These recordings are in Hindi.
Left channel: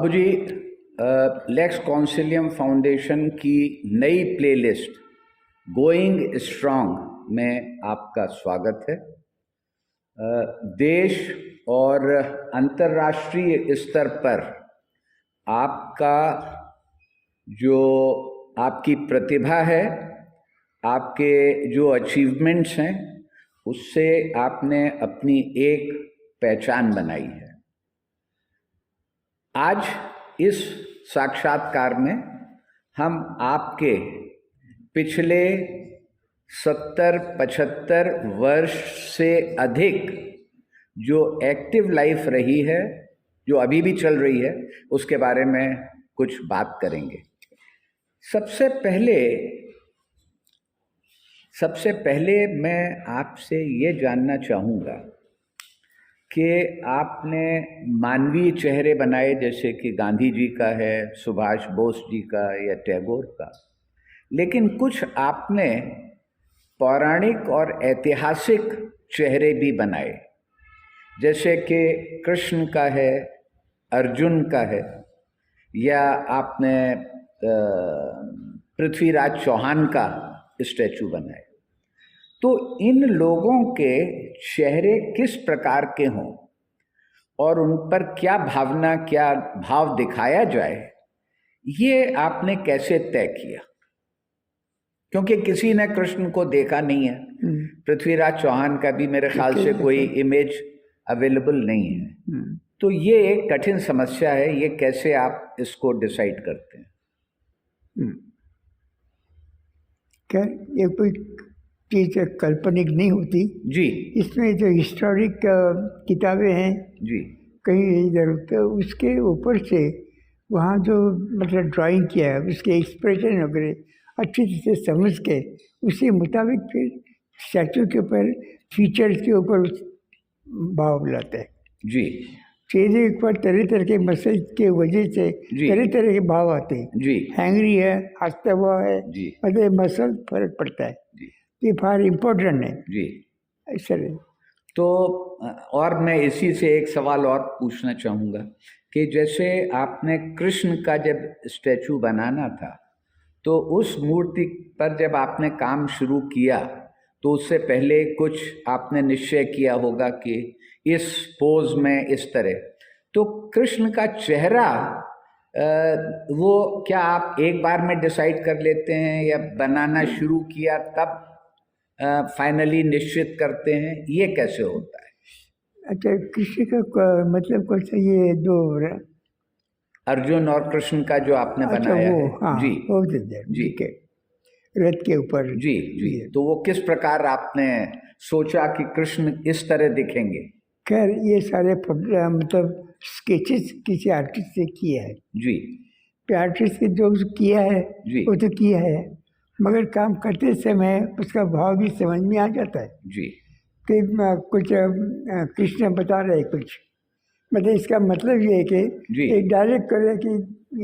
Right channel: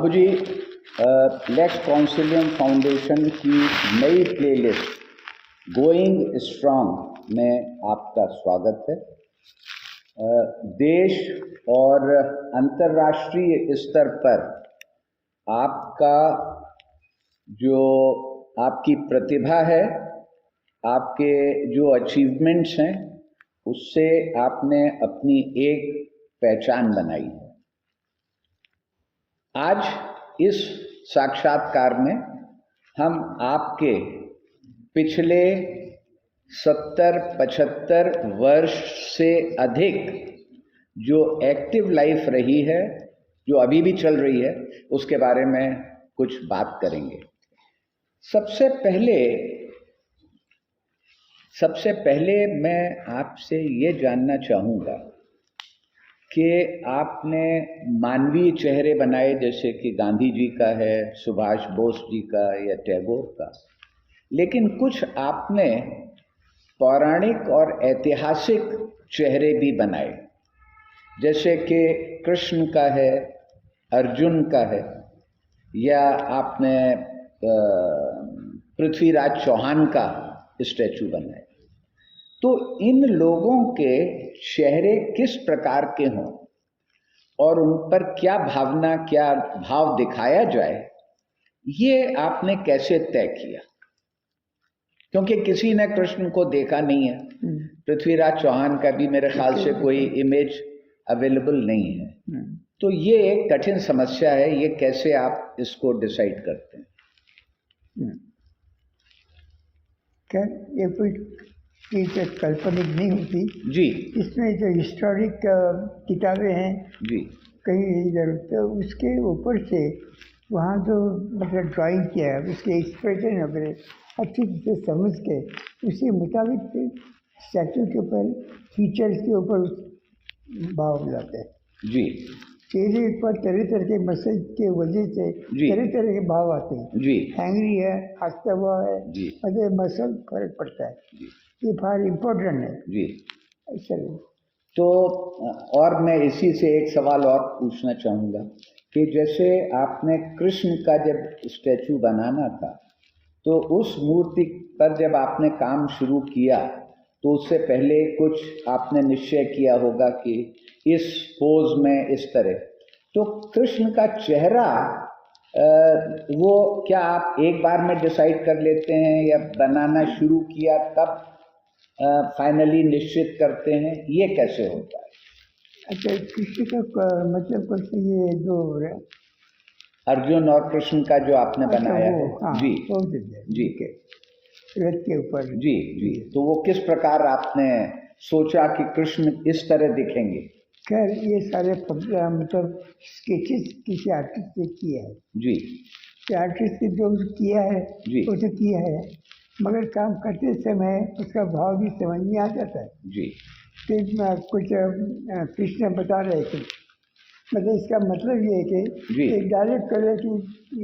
बाबूजी, लेक्स कॉन्सिलियम फाउंडेशन की नई प्लेलिस्ट गोइंग स्ट्रांग में आपका स्वागत है। देश और अंतर्राष्ट्रीय स्तर पर आपका जो आपकी प्रतिभा है, आपके जो अचीवमेंट्स हैं, उससे आपने अपनी एक पहचान बनाई है। आज इस साक्षात्कार में हम आपके पिछले 70-75 वर्ष से अधिक जो एक्टिव लाइफ रही है, जो अभी भी चल रही है, उसके बारे में कुछ बात करेंगे। सबसे पहले मैं आपसे ये जानना चाहूँगा कि आपने मानवीय चेहरे बनाए, जैसे कि गांधी जी का है, सुभाष बोस जी का या टैगोर का, लेकिन कुछ आपने पौराणिक और ऐतिहासिक चेहरे भी बनाए, जैसे कि कृष्ण का है, अर्जुन का है, या आपने पृथ्वीराज चौहान का स्टैचू बनाए। तो इन लोगों के चेहरे किस प्रकार के हों और उन पर क्या भावना, क्या भाव दिखाया जाए, ये आपने कैसे तय किया? क्योंकि किसी ने कृष्ण को देखा नहीं है, पृथ्वीराज चौहान का भी मेरे ख्याल से कोई इमेज अवेलेबल नहीं है। तो ये एक कठिन समस्या है, ये कैसे आप इसको डिसाइड करते हैं? क्या ये कोई चीज़ काल्पनिक नहीं होती जी। इसमें जो हिस्टोरिक किताबें हैं जी, कहीं इधर, तो उसके ऊपर से वहाँ जो मतलब ड्राइंग किया है, उसके एक्सप्रेशन वगैरह अच्छी तरह से समझ के उसी मुताबिक फिर स्टैचू के ऊपर, फीचर्स के ऊपर भाव लाते हैं। जी चेहरे पर तरह तरह के मसल के वजह से जी। तरह तरह के भाव आते हैं। जी हैंगरी है, हंसता हुआ है, जी मतलब मसल फर्क पड़ता है। जी ये फार इम्पोर्टेंट है। जी। ऐसा है। तो और मैं इसी से एक सवाल और पूछना चाहूँगा कि जैसे आपने कृष्ण का जब स्टैचू बनाना था, तो उस मूर्ति पर जब आपने काम शुरू किया, तो उससे पहले कुछ आपने निश्चय किया होगा कि इस पोज में इस तरह। तो कृष्ण का चेहरा वो क्या आप एक बार में डिसाइड कर लेते हैं, या बनाना शुरू किया तब फाइनली निश्चित करते हैं? ये कैसे होता है? अच्छा, कृष्ण का मतलब कौन सा, ये जो अर्जुन और कृष्ण का जो आपने बनाया वो, है? हाँ, जी वो जी ठीक है, रथ के ऊपर। जी जी। तो वो किस प्रकार आपने सोचा कि कृष्ण इस तरह दिखेंगे? खैर ये सारे मतलब स्केचेस किसी आर्टिस्ट से किया है जी आर्टिस्ट ने जो किया है जी वो तो किया है, मगर काम करते समय उसका भाव भी समझ में आ जाता है जी कि कुछ कृष्ण बता रहे कुछ, मतलब इसका मतलब ये है कि जी एक डायरेक्ट करे कि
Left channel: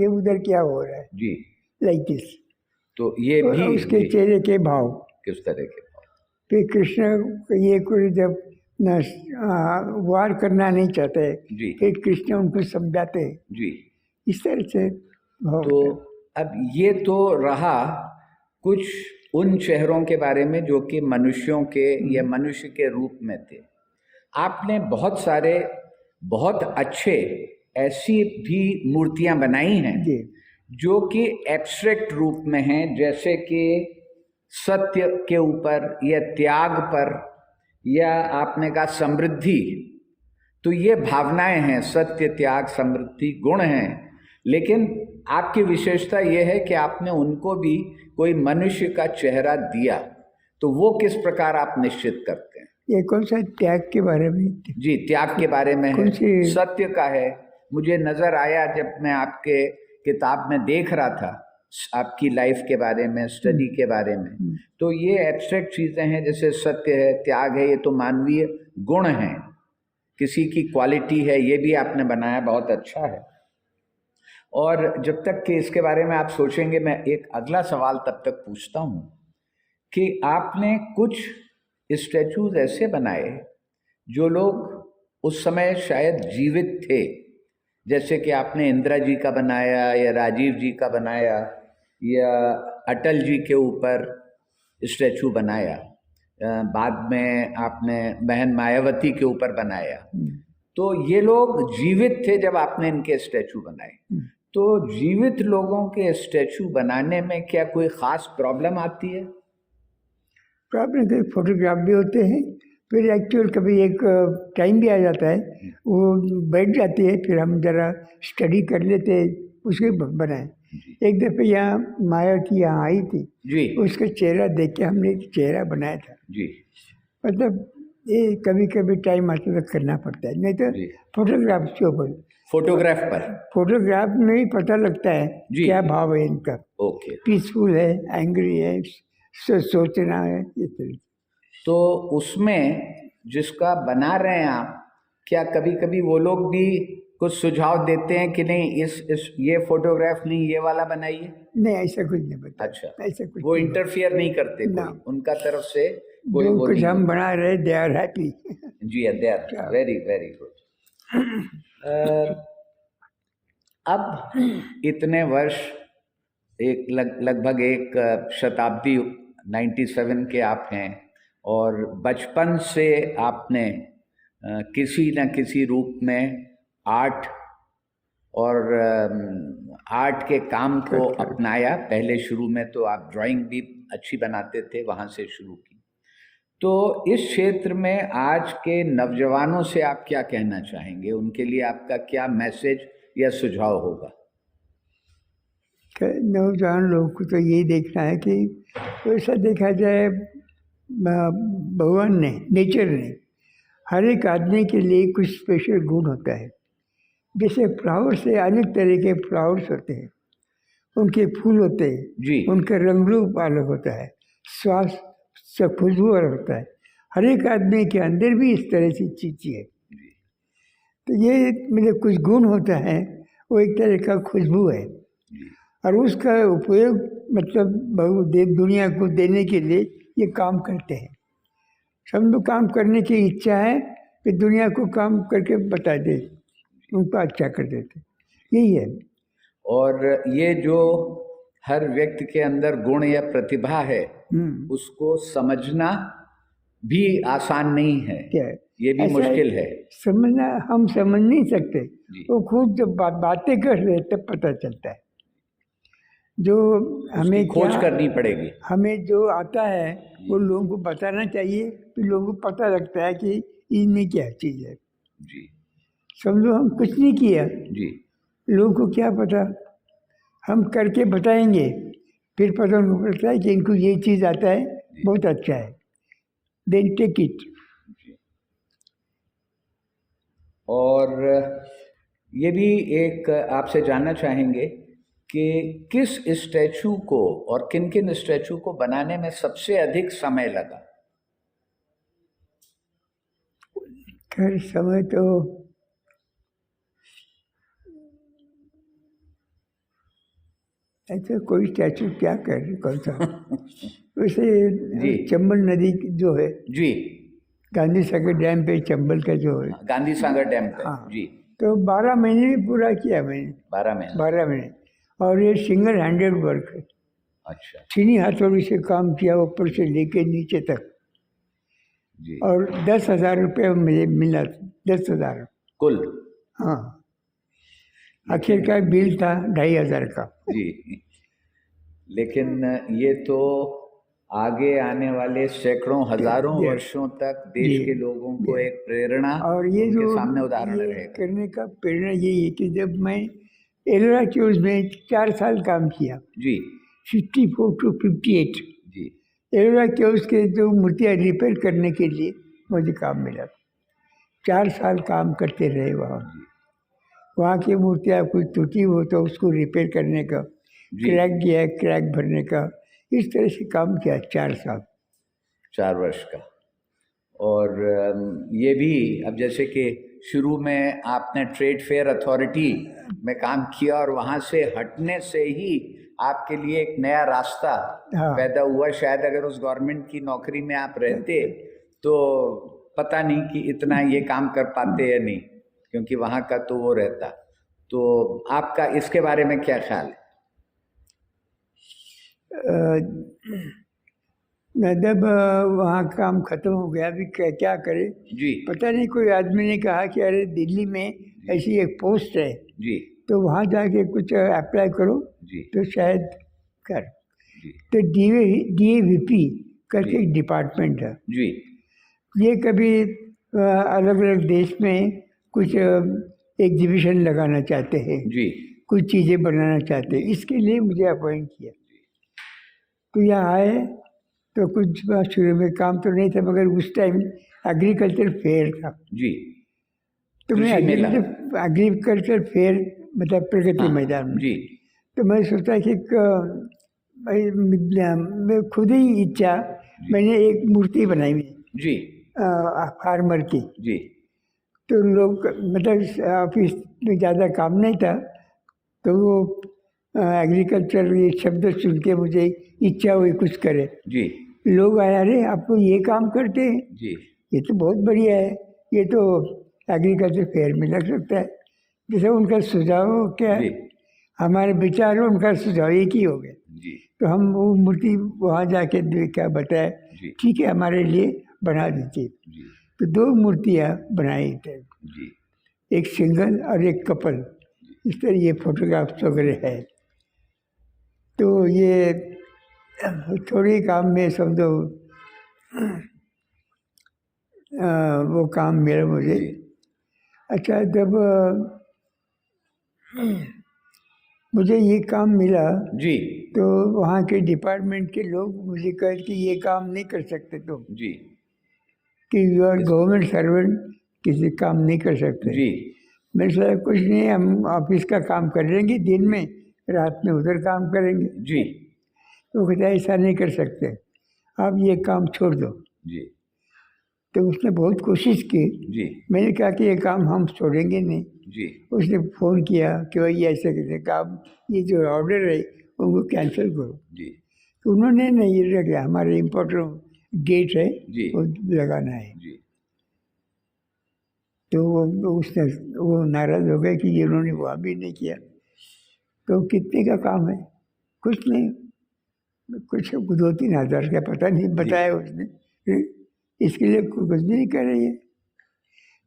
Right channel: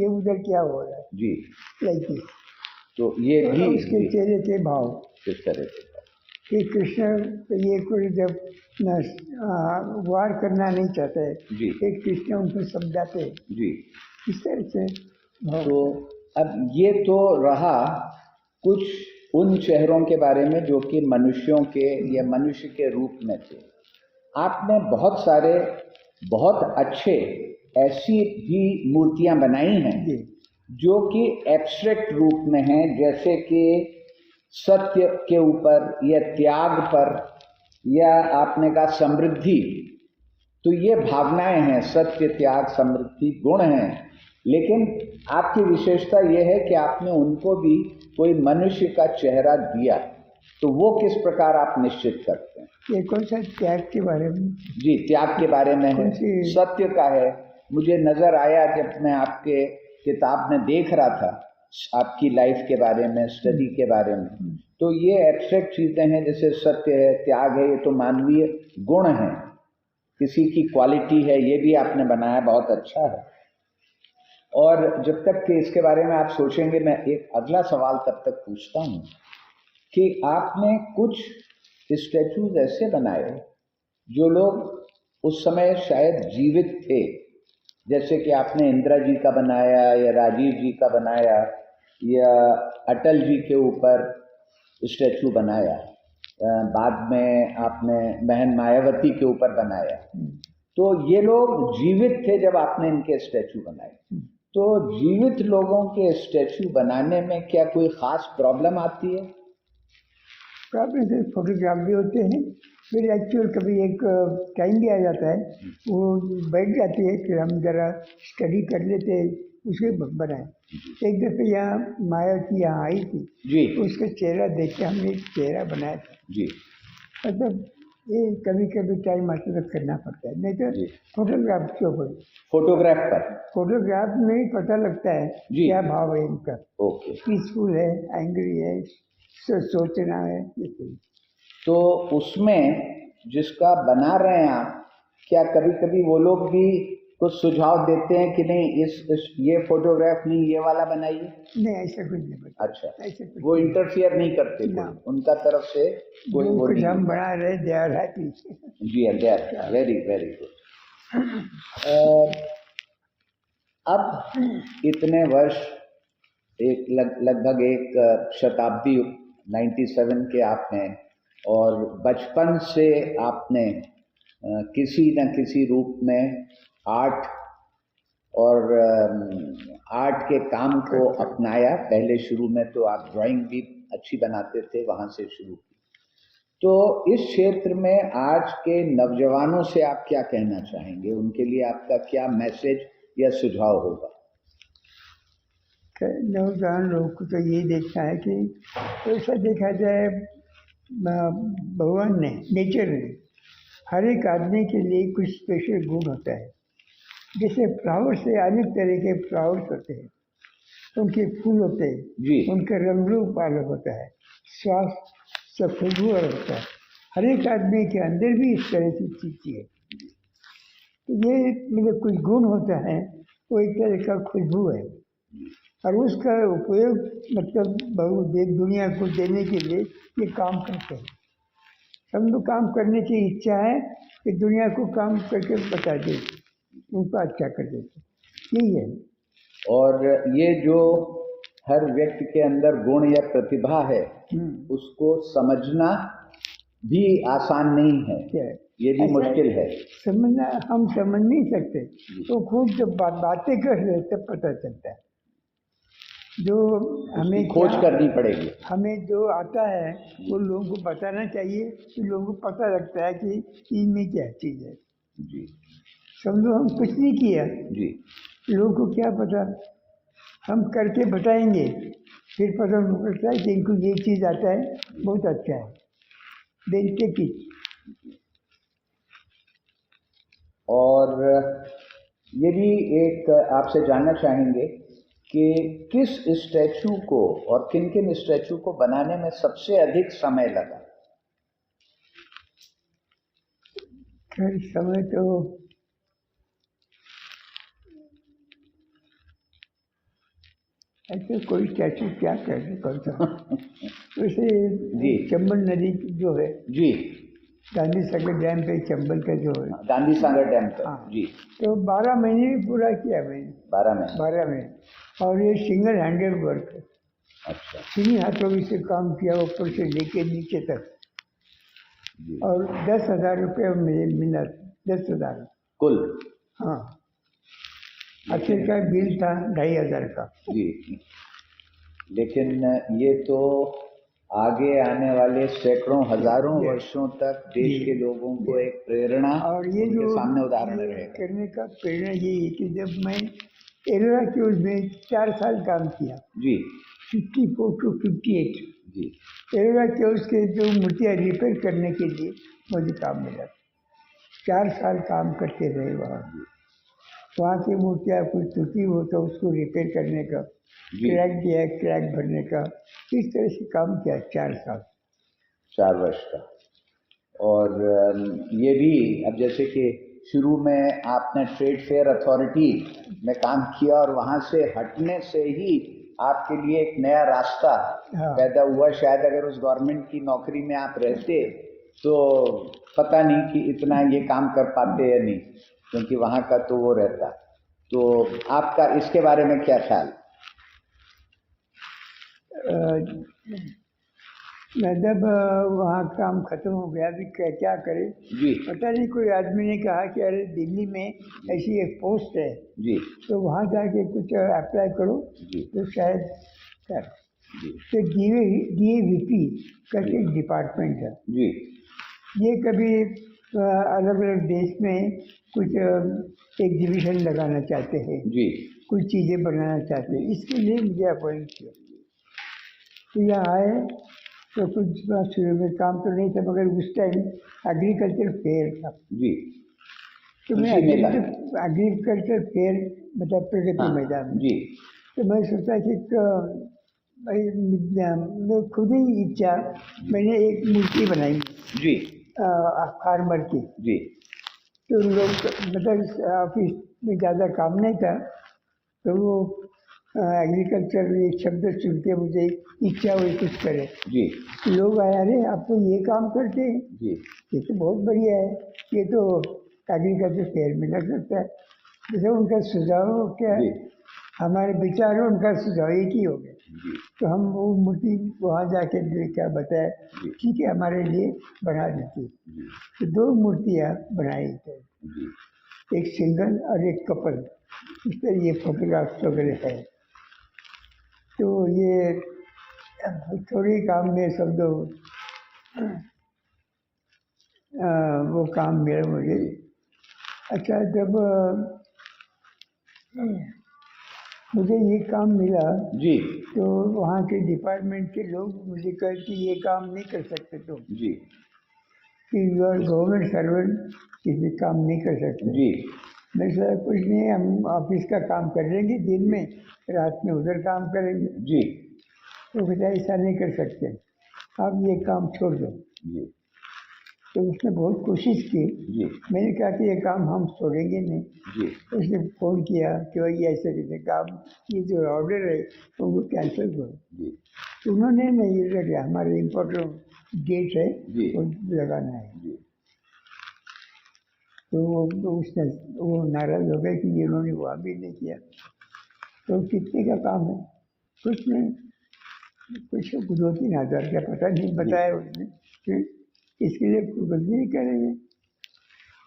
ये उधर क्या हो रहा है, जी। Like this. तो ये भी उसके जी, चेहरे के भाव, किस तरह के? फिर कृष्ण ये कोई जब वार करना नहीं चाहते, जी फिर कृष्ण उनको समझाते, जी। इस तरह से भाव। तो अब ये तो रहा कुछ उन चेहरों के बारे में जो कि मनुष्यों के या मनुष्य के रूप में थे। आपने बहुत सारे बहुत अच्छे ऐसी भी मूर्तियां बनाई हैं जी जो कि एब्स्ट्रैक्ट रूप में हैं, जैसे कि सत्य के ऊपर या त्याग पर, या आपने कहा समृद्धि। तो ये भावनाएं हैं, सत्य, त्याग, समृद्धि गुण हैं, लेकिन आपकी विशेषता ये है कि आपने उनको भी कोई मनुष्य का चेहरा दिया। तो वो किस प्रकार आप निश्चित करते हैं? ये कौन सा त्याग के बारे में? जी, त्याग के बारे में है, सत्य का है। मुझे नज़र आया जब मैं आपके किताब में देख रहा था, आपकी लाइफ के बारे में, स्टडी के बारे में, तो ये एब्स्ट्रैक्ट चीज़ें हैं, जैसे सत्य है, त्याग है, ये तो मानवीय गुण हैं, किसी की क्वालिटी है, ये भी आपने बनाया, बहुत अच्छा है। और जब तक कि इसके बारे में आप सोचेंगे, मैं एक अगला सवाल तब तक पूछता हूँ कि आपने कुछ स्टैचूज ऐसे बनाए जो लोग उस समय शायद जीवित थे, जैसे कि आपने इंदिरा जी का बनाया या राजीव जी का बनाया या अटल जी के ऊपर स्टैचू बनाया, बाद में आपने बहन मायावती के ऊपर बनाया, तो ये लोग जीवित थे जब आपने इनके स्टैचू बनाए। तो जीवित लोगों के स्टैचू बनाने में क्या कोई ख़ास प्रॉब्लम आती है? प्रॉब्लम तो फोटोग्राफ भी होते हैं, फिर एक्चुअल कभी एक टाइम भी आ जाता है, वो बैठ जाती है, फिर हम ज़रा स्टडी कर लेते हैं, उसके बनाए। एक दफ़े यहाँ मायावती यहाँ आई थी जी उसका चेहरा देख के हमने एक चेहरा बनाया था। जी मतलब ये कभी कभी टाइम आता तो करना पड़ता है, नहीं तो जी। फोटोग्राफ के ऊपर, फोटोग्राफ पर। फोटोग्राफ में ही पता लगता है जी। क्या भाव है इनका, ओके। पीसफुल है, एंग्री है, सोचना है, ये सब। तो उसमें जिसका बना रहे हैं आप, क्या कभी कभी वो लोग भी कुछ सुझाव देते हैं कि नहीं इस ये फोटोग्राफ नहीं, ये वाला बनाइए? नहीं, ऐसा कुछ नहीं बता। अच्छा, ऐसा कुछ वो नहीं। इंटरफियर नहीं करते ना। कोई, उनका तरफ से कोई जो वो कुछ नहीं हम होता। बना रहे दे आर हैप्पी। जी, they are very very good. अब इतने वर्ष, एक लगभग एक शताब्दी, 97 के आप हैं, और बचपन से आपने किसी न किसी रूप में आर्ट और आर्ट के काम को अपनाया। पहले शुरू में तो आप ड्राइंग भी अच्छी बनाते थे, वहाँ से शुरू की। तो इस क्षेत्र में आज के नौजवानों से आप क्या कहना चाहेंगे? उनके लिए आपका क्या मैसेज या सुझाव होगा? नौजवान लोगों को तो यही देखना है कि वैसा देखा जाए, भगवान ने, नेचर ने हर एक आदमी के लिए कुछ स्पेशल गुण होता है। जैसे फ्लावर से अनेक तरह के फ्लावर्स होते हैं, उनके फूल होते हैं जी। उनका रंग रूप अलग होता है, श्वास से खुशबू अलग होता है। हर एक आदमी के अंदर भी इस तरह की चीज़ है। तो ये मतलब कुछ गुण होता है, वो एक तरह का खुशबू है, और उसका उपयोग मतलब दुनिया को देने के लिए ये काम करते हैं। सब लोग काम करने की इच्छा है कि दुनिया को काम करके बता दे, उनको अच्छा कर देते, यही है। और ये जो हर व्यक्ति के अंदर गुण या प्रतिभा है, उसको समझना भी आसान नहीं है। क्या है? ये भी मुश्किल है समझना। हम समझ नहीं सकते, तो खुद जब बातें कर रहे तब पता चलता है। जो हमें खोज करनी पड़ेगी। हमें जो आता है वो लोगों को बताना चाहिए, तो लोगों को पता लगता है कि इनमें क्या चीज़ है। जी। समझो हम कुछ नहीं किया जी। लोगों को क्या पता, हम करके बताएंगे, फिर पता लगता है कि इनको ये चीज़ आता है, बहुत अच्छा है, देन टेक इट। और ये भी एक आपसे जानना चाहेंगे कि किस स्टैचू को और किन किन स्टैचू को बनाने में सबसे अधिक समय लगा? खैर समय तो ऐसे कोई स्टैचू क्या कौन सा वैसे चंबल नदी जो है, जी, गांधी सागर डैम पे चंबल का जो है, गांधी सागर डैम पे। हाँ। जी। तो 12 महीने में पूरा किया मैंने। 12 महीने। और ये सिंगल हैंडेड वर्क है। अच्छा। चीनी हाथों से काम किया, ऊपर से लेके नीचे तक। जी। और 10,000 रुपये मुझे मिला, 10,000 कुल। हाँ, आखिर का बिल था 2,500 का। जी। लेकिन ये तो आगे आने वाले सैकड़ों हजारों वर्षों तक देश के लोगों को एक प्रेरणा और ये जो सामने उदाहरण रहेगा। करने का प्रेरणा यही है कि जब मैं एलोरा क्यूज में 4 साल काम किया। जी। 54 to 58। जी। एलोरा क्यूज के जो मूर्तियाँ रिपेयर करने के लिए मुझे काम मिला, 4 साल काम करते रहे वहाँ। वहाँ की मूर्तियाँ कुछ टूटी हो तो उसको रिपेयर करने का, क्रैक गया क्रैक भरने का, इस तरह से काम किया 4 साल, 4 वर्ष का। और ये भी अब जैसे कि शुरू में आपने ट्रेड फेयर अथॉरिटी में काम किया और वहाँ से हटने से ही आपके लिए एक नया रास्ता पैदा हुआ। शायद अगर उस गवर्नमेंट की नौकरी में आप रहते तो पता नहीं कि इतना ये काम कर पाते या नहीं, क्योंकि वहाँ का तो वो रहता। तो आपका इसके बारे में क्या ख्याल है? जब वहाँ काम ख़त्म हो गया, अभी क्या क्या करें। जी पता नहीं, कोई आदमी ने कहा कि अरे दिल्ली में ऐसी एक पोस्ट है, जी तो वहाँ जाके कुछ अप्लाई करो जी तो शायद कर। जी तो DAVP करके एक डिपार्टमेंट है। जी ये कभी अलग अलग देश में कुछ एग्जीबिशन लगाना चाहते हैं, जी कुछ चीज़ें बनाना चाहते हैं, इसके लिए मुझे अपॉइंट किया। तो यहाँ आए तो कुछ शुरू में काम तो नहीं था, मगर उस टाइम एग्रीकल्चर फेयर था। जी तो मैं कृषि मेला। एग्रीकल्चर फेयर मतलब प्रगति हाँ, मैदान में। जी तो मैं सोचा कि भाई मैं खुद ही इच्छा, मैंने एक मूर्ति बनाई जी फार्मर की। जी तो लोग मतलब ऑफिस में ज़्यादा काम नहीं था, तो वो एग्रीकल्चर ये शब्द सुन के मुझे इच्छा हुई कुछ करे। जी लोग आए, अरे आपको ये काम करते हैं, जी ये तो बहुत बढ़िया है, ये तो एग्रीकल्चर फेयर में लग सकता है। जैसे उनका सुझाव क्या है, जी हमारे विचार और उनका सुझाव एक ही हो गया। जी तो हम वो मूर्ति वहाँ जाके देखा, बताया, जी ठीक है हमारे लिए बना दीजिए। जी तो 2 मूर्तियाँ बनाई थे, जी एक सिंगल और एक कपल। इस तरह ये फोटोग्राफ्स वगैरह है। तो ये थोड़े काम में समझो वो काम मिला मुझे। अच्छा, जब मुझे ये काम मिला जी तो वहाँ के डिपार्टमेंट के लोग मुझे कहे कि ये काम नहीं कर सकते तुम, जी कि यू आर गवर्नमेंट सर्वेंट, किसी काम नहीं कर सकते। जी मैंने सोचा कुछ नहीं, हम ऑफिस का काम कर लेंगे दिन में, रात में उधर काम करेंगे। जी तो कहता ऐसा नहीं कर सकते, आप ये काम छोड़ दो। जी तो उसने बहुत कोशिश की। जी मैंने कहा कि ये काम हम छोड़ेंगे नहीं। जी उसने फ़ोन किया कि भाई ऐसे कैसे काम, ये जो ऑर्डर है उनको कैंसिल करो। जी तो उन्होंने नहीं लगा, हमारे इम्पोर्टेंट गेट है जी वो लगाना है। जी तो उसने वो नाराज़ हो गए कि ये उन्होंने वहाँ भी नहीं किया। तो कितने का काम है? कुछ नहीं, कुछ 2-3 हज़ार का पता नहीं बताया उसने। फिर इसके लिए कुछ भी नहीं कर रही है।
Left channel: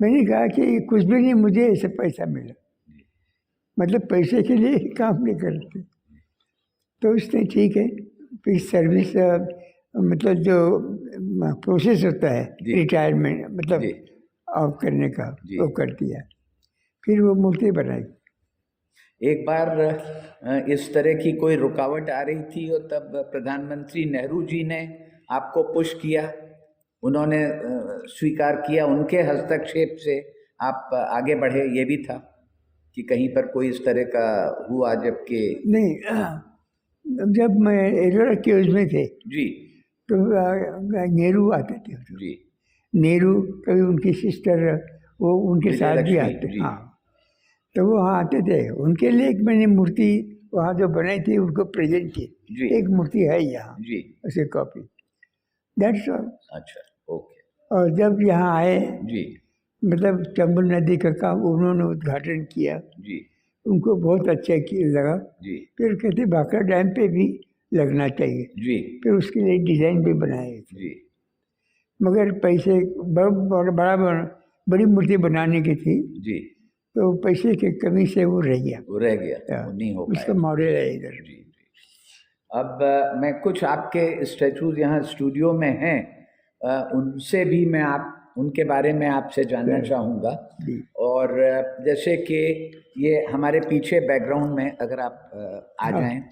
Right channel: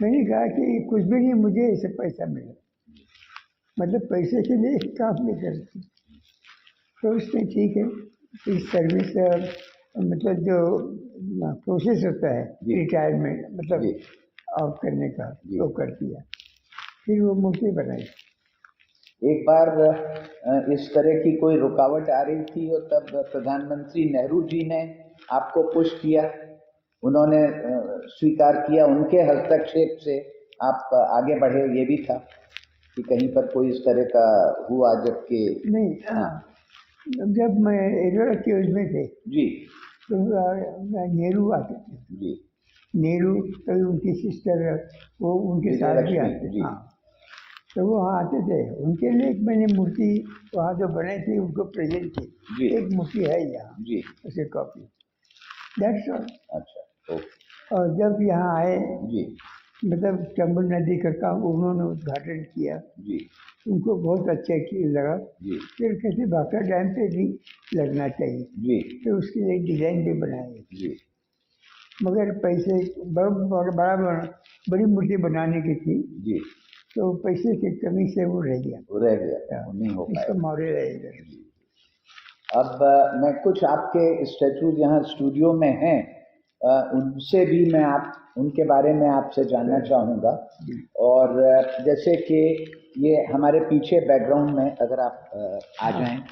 मैंने कहा कि कुछ भी नहीं, मुझे ऐसे पैसा मिला, मतलब पैसे के लिए ही काम नहीं करते। तो उसने ठीक है, फिर सर्विस मतलब जो प्रोसेस होता है जी। रिटायरमेंट मतलब जी। ऑफ करने का, जी। वो कर दिया। फिर वो मूर्ति बनाई। एक बार इस तरह की कोई रुकावट आ रही थी और तब प्रधानमंत्री नेहरू जी ने आपको पुश किया, उन्होंने स्वीकार किया, उनके हस्तक्षेप से आप आगे बढ़े, ये भी था कि कहीं पर कोई इस तरह का हुआ जबकि नहीं, जब मैं एरोरा केव्स में थे जी तो नेहरू आते थे। जी नेहरू, कभी उनकी सिस्टर वो उनके साथ भी विजयलक्ष्मी, आते। जी। हाँ, तो वो वहाँ आते थे। उनके लिए एक मैंने मूर्ति वहाँ जो बनाई थी उनको प्रेजेंट की। जी। एक मूर्ति है यहाँ, जी उसे कॉपी, दैट्स ऑल। अच्छा, ओके और जब यहाँ आए, जी मतलब चंबल नदी का काम उन्होंने उद्घाटन किया, जी उनको बहुत अच्छा लगा। जी फिर कहते भाखड़ा डैम पे भी लगना चाहिए। जी फिर उसके लिए डिज़ाइन भी बनाए, जी मगर पैसे बड़ी मूर्ति बनाने की थी, जी तो पैसे की कमी से वो रह गया, वो रह गया, वो नहीं हो उसका पाया। मॉडल है इधर। जी। अब मैं कुछ आपके स्टैचूज यहाँ स्टूडियो में हैं, उनसे भी मैं उनके बारे में आपसे जानना चाहूँगा। जी। और जैसे कि ये हमारे पीछे बैकग्राउंड में अगर आप आ जाएं।